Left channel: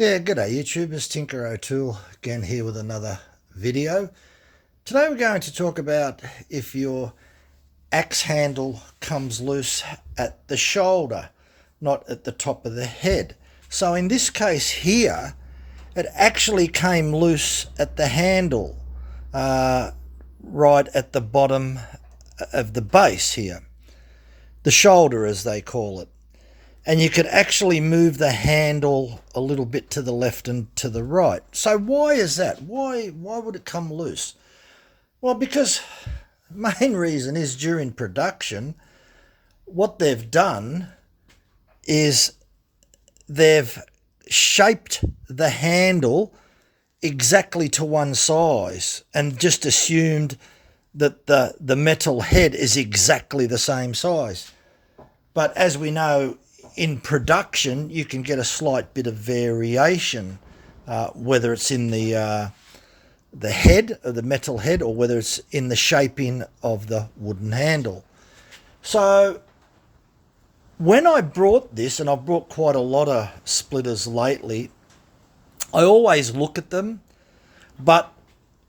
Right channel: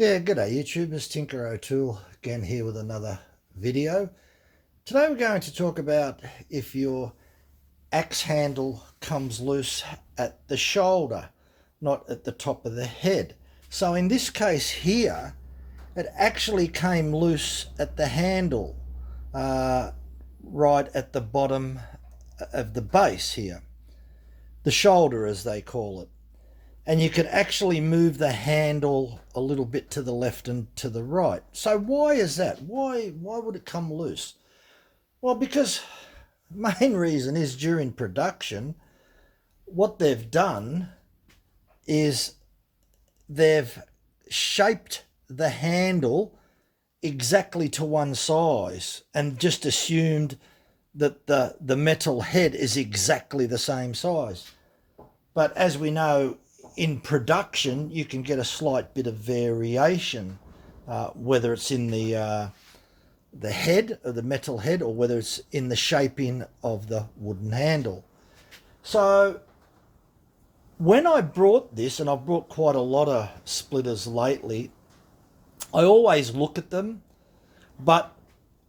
Yeah, g'day YouTube, it's Tinker O'Toole again here with another video. Today we're going to talk about if your axe handle comes loose at the shoulder, not at the top of the head. So in this case here, it actually came loose at the handle, right at the bottom of the base here, the shoulder as they call it. And you could actually move the handle a little bit to the left and to the right. So why is that? Why would it come loose? Well, because the main reason is during production, what they've done is they've shaped the handle exactly to one size and just assumed that the metal head is exactly the same size. But as we know, in production, you can get a slight bit of variation, whether it's in the head, of the metal head, or whether it's in the shaping of the wooden handle. So when I brought this, and I've brought quite a lot of splitters lately, I always look at them, but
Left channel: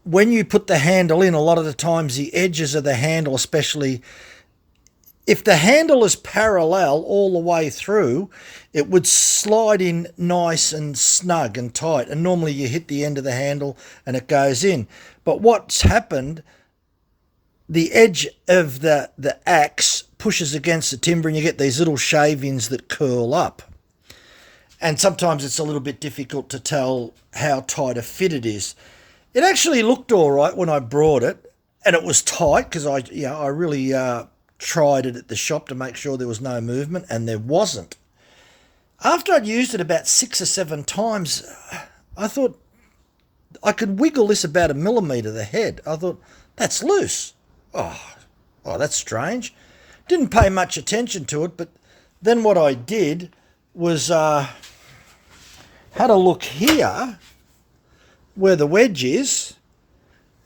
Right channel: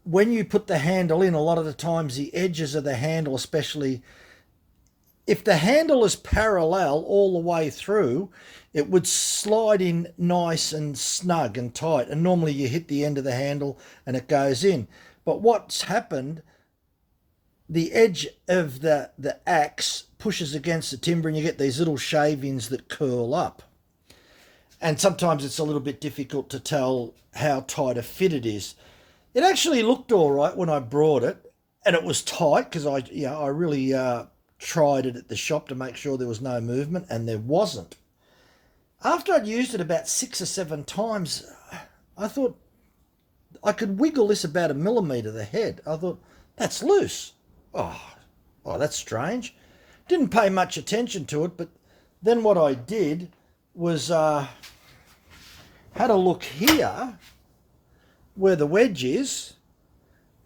when you put the handle in, a lot of the times the edges of the handle, especially if the handle is parallel all the way through, it would slide in nice and snug and tight. And normally you hit the end of the handle and it goes in. But what's happened, the edge of the axe pushes against the timber and you get these little shavings that curl up. And sometimes it's a little bit difficult to tell how tight a fit it is. It actually looked all right when I brought it, and it was tight because I really tried it at the shop to make sure there was no movement, and there wasn't. After I'd used it about 6 or 7 times, I thought I could wiggle this about 1 millimetre the head. I thought, that's loose. Oh, that's strange. Didn't pay much attention to it, but then what I did was had a look here where the wedge is,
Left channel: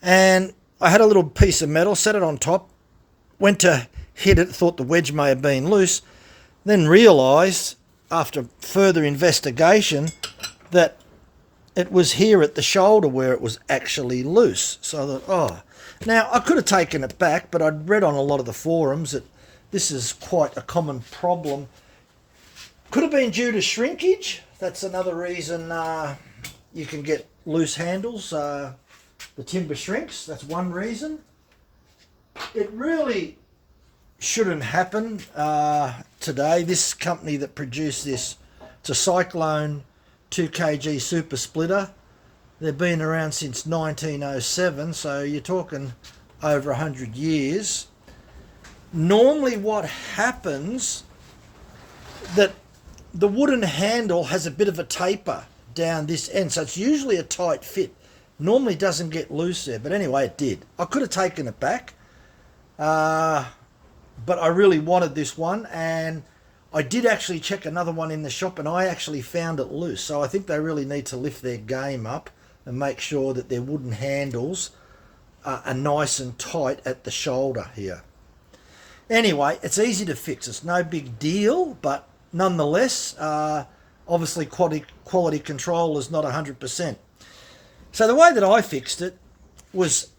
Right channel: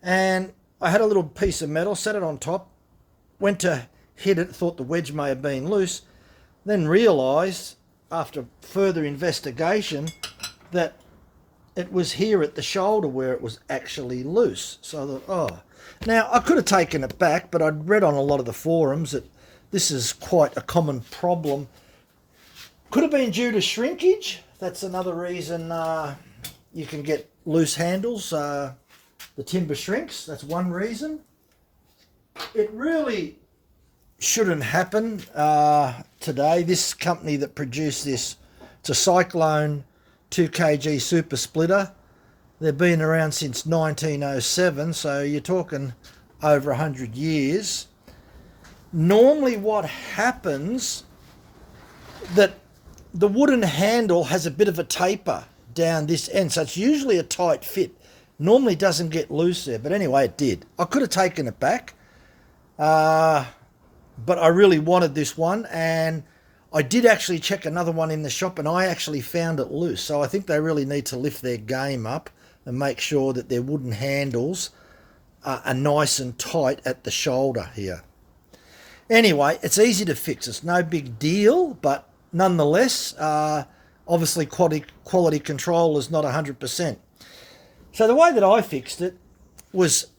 and I had a little piece of metal, set it on top, went to hit it, thought the wedge may have been loose, then realised after further investigation that it was here at the shoulder where it was actually loose. So I thought, now I could have taken it back, but I'd read on a lot of the forums that this is quite a common problem. Could have been due to shrinkage. That's another reason you can get loose handles. The timber shrinks, that's one reason. It really shouldn't happen today. This company that produced this, it's a Cyclone 2 kg super splitter. They've been around since 1907, so you're talking over 100 years. Normally what happens, that the wooden handle has a bit of a taper down this end, so it's usually a tight fit. Normally doesn't get loose there, but anyway, it did. I could have taken it back, but I really wanted this one, and I did actually check another one in the shop, and I actually found it loose. So I think they really need to lift their game up and make sure that their wooden handles are nice and tight at the shoulder here. Anyway, it's easy to fix. It's no big deal, but nonetheless, obviously quality control is not 100%. So the way that I fixed it was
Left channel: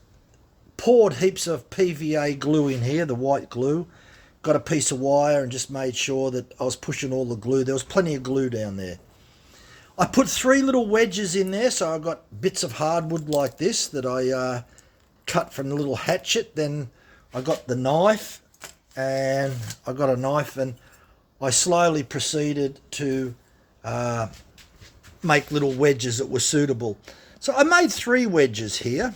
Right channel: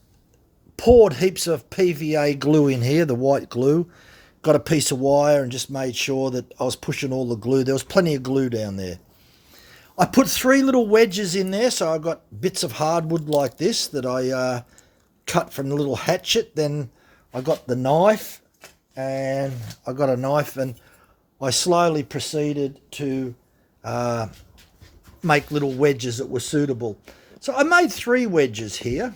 poured heaps of PVA glue in here, the white glue, got a piece of wire and just made sure that I was pushing all the glue. There was plenty of glue down there. I put 3 little wedges in there, so I got bits of hardwood like this that I cut from the little hatchet. Then I got the knife, and I slowly proceeded to make little wedges that were suitable. So I made 3 wedges here.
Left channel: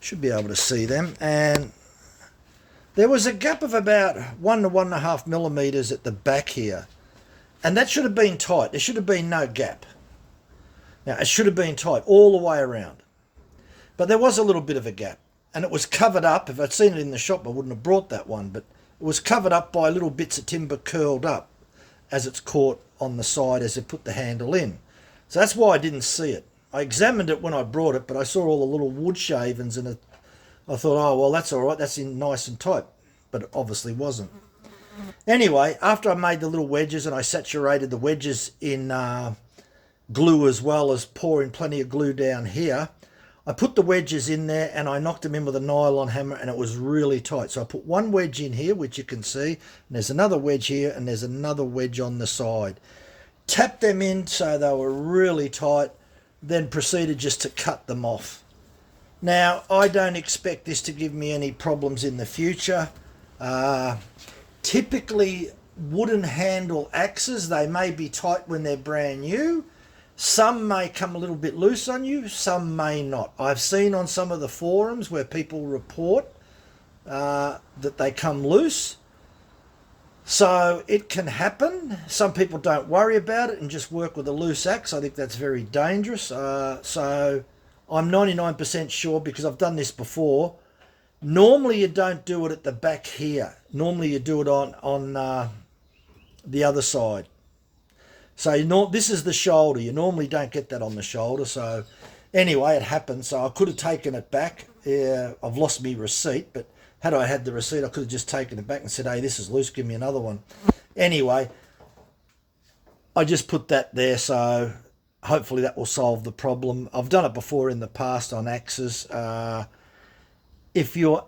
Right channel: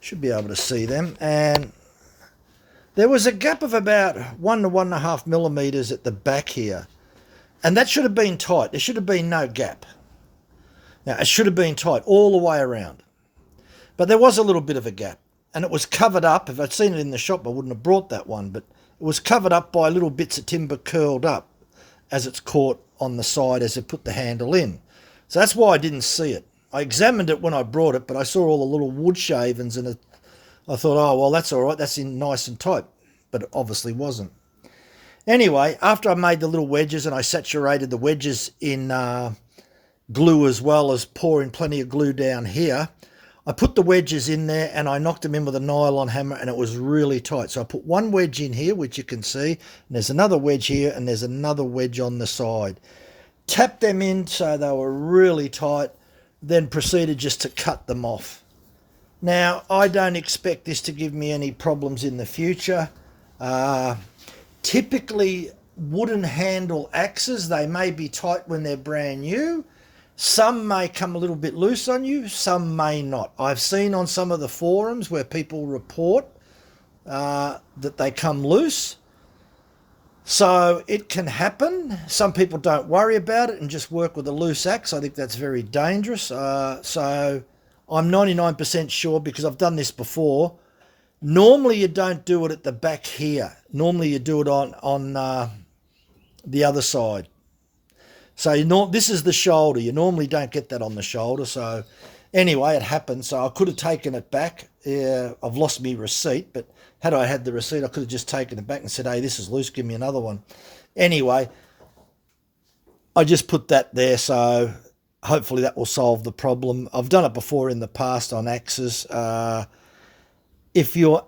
Should be able to see them. And there was a gap of about 1 to 1.5 millimetres at the back here. And that should have been tight. There should have been no gap. Now, it should have been tight all the way around. But there was a little bit of a gap. And it was covered up. If I'd seen it in the shop, I wouldn't have brought that one. But it was covered up by little bits of timber curled up as it's caught on the side as they put the handle in. So that's why I didn't see it. I examined it when I brought it, but I saw all the little wood shavings, and I thought, oh, well, that's all right. That's in nice and tight. But it obviously wasn't. Anyway, after I made the little wedges and I saturated the wedges in glue as well as pouring plenty of glue down here. I put the wedges in there and I knocked them in with a nylon hammer, and it was really tight. So I put one wedge in here, which you can see, and there's another wedge here, and there's another wedge on the side. Tapped them in so they were really tight, then proceeded just to cut them off. Now, I don't expect this to give me any problems in the future. Typically, wooden handle axes, they may be tight when they're brand new. Some may come a little bit loose on you, some may not. I've seen on some of the forums where people report that they come loose. So it can happen. Some people don't worry about it and just work with a loose axe. I think that's very dangerous. So I'm 99% sure, because I've done this before. Normally you don't do it at the back here. Normally you do it on the other side. So this is the shoulder. You normally don't get that on the shoulder. So anyway, it happened. So I could have taken it back. I've lost my receipt, but had I had the receipt, I could have just taken it back and said, hey, this is loose, give me another one. Anyway, I just put that there, so hopefully that will solve the problem. I've done it before in the past on axes. If you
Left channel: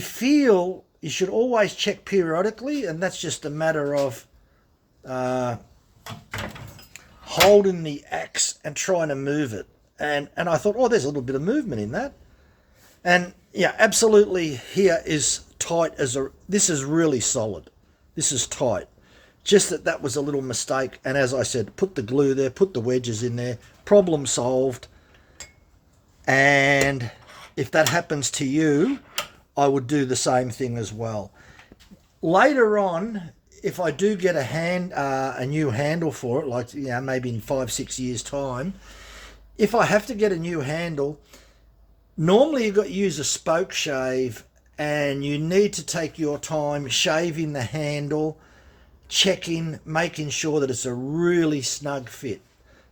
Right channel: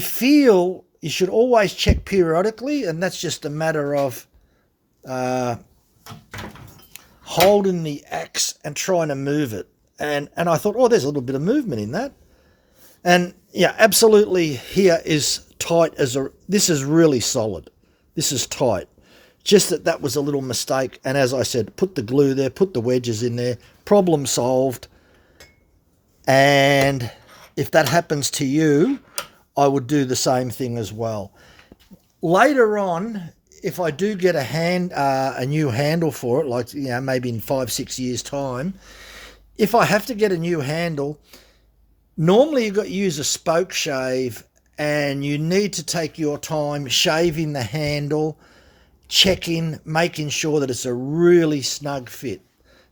feel, you should always check periodically, and that's just a matter of holding the axe and trying to move it. And I thought, oh, there's a little bit of movement in that. And yeah, absolutely, here is tight as this is really solid. This is tight. Just that was a little mistake. And as I said, put the glue there, put the wedges in there, problem solved. And if that happens to you, I would do the same thing as well. Later on, if I do get a new handle for it, like, you know, maybe in 5-6 years time, if I have to get a new handle, normally you've got to use a spoke shave, and you need to take your time shaving the handle, checking, making sure that it's a really snug fit.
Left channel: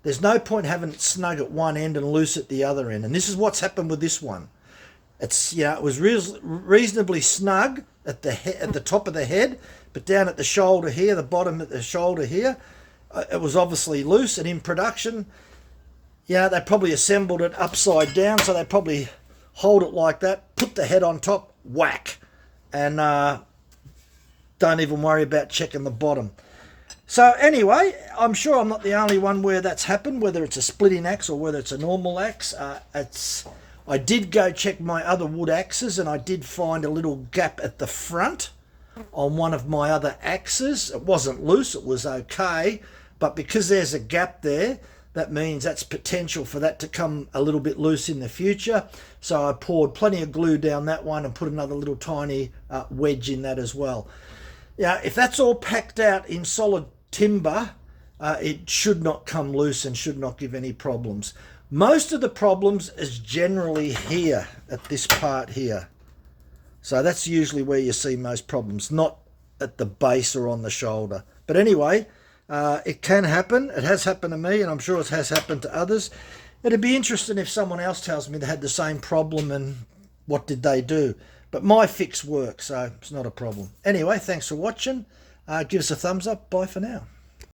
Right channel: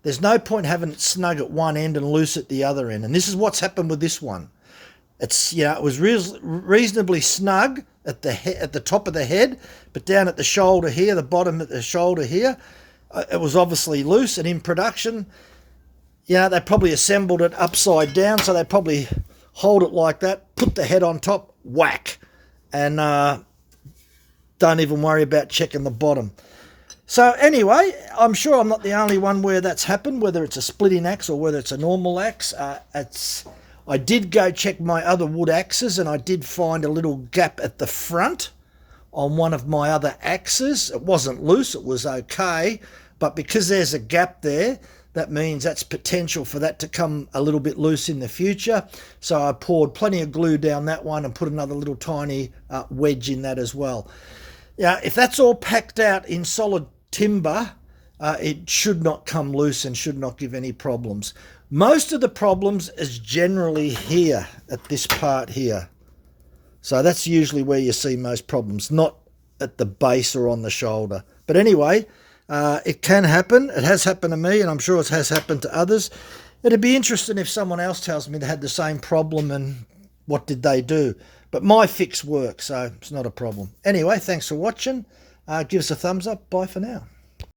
There's no point having it snug at one end and loose at the other end. And this is what's happened with this one. It's, you know, it was reasonably snug at the top of the head, but down at the shoulder here, the bottom of the shoulder here, it was obviously loose. And in production, yeah, they probably assembled it upside down, so they probably hold it like that, put the head on top, whack, and don't even worry about checking the bottom. So anyway, I'm sure I'm not the only one where that's happened, whether it's a splitting axe or whether it's a normal axe. I did go check my other wood axes, and I did find a little gap at the front on one of my other axes. It wasn't loose, it was okay, but because there's a gap there, that means that's potential for that to come a little bit loose in the future. So I poured plenty of glue down that one and put another little tiny wedge in that as well. Yeah, if that's all packed out in solid timber, it should not come loose and should not give any problems. Most of the problems is generally here at this part here. So that's usually where you see most problems, not at the base or on the shoulder. But anyway, it can happen. It has happened to me, and I'm sure it has happened to others. It'd be interesting if someone else tells me they had the same problem and what did they do. But my fix works, so it's not a problem. Anyway, thanks for watching. Give us a thumbs up. Bye for now.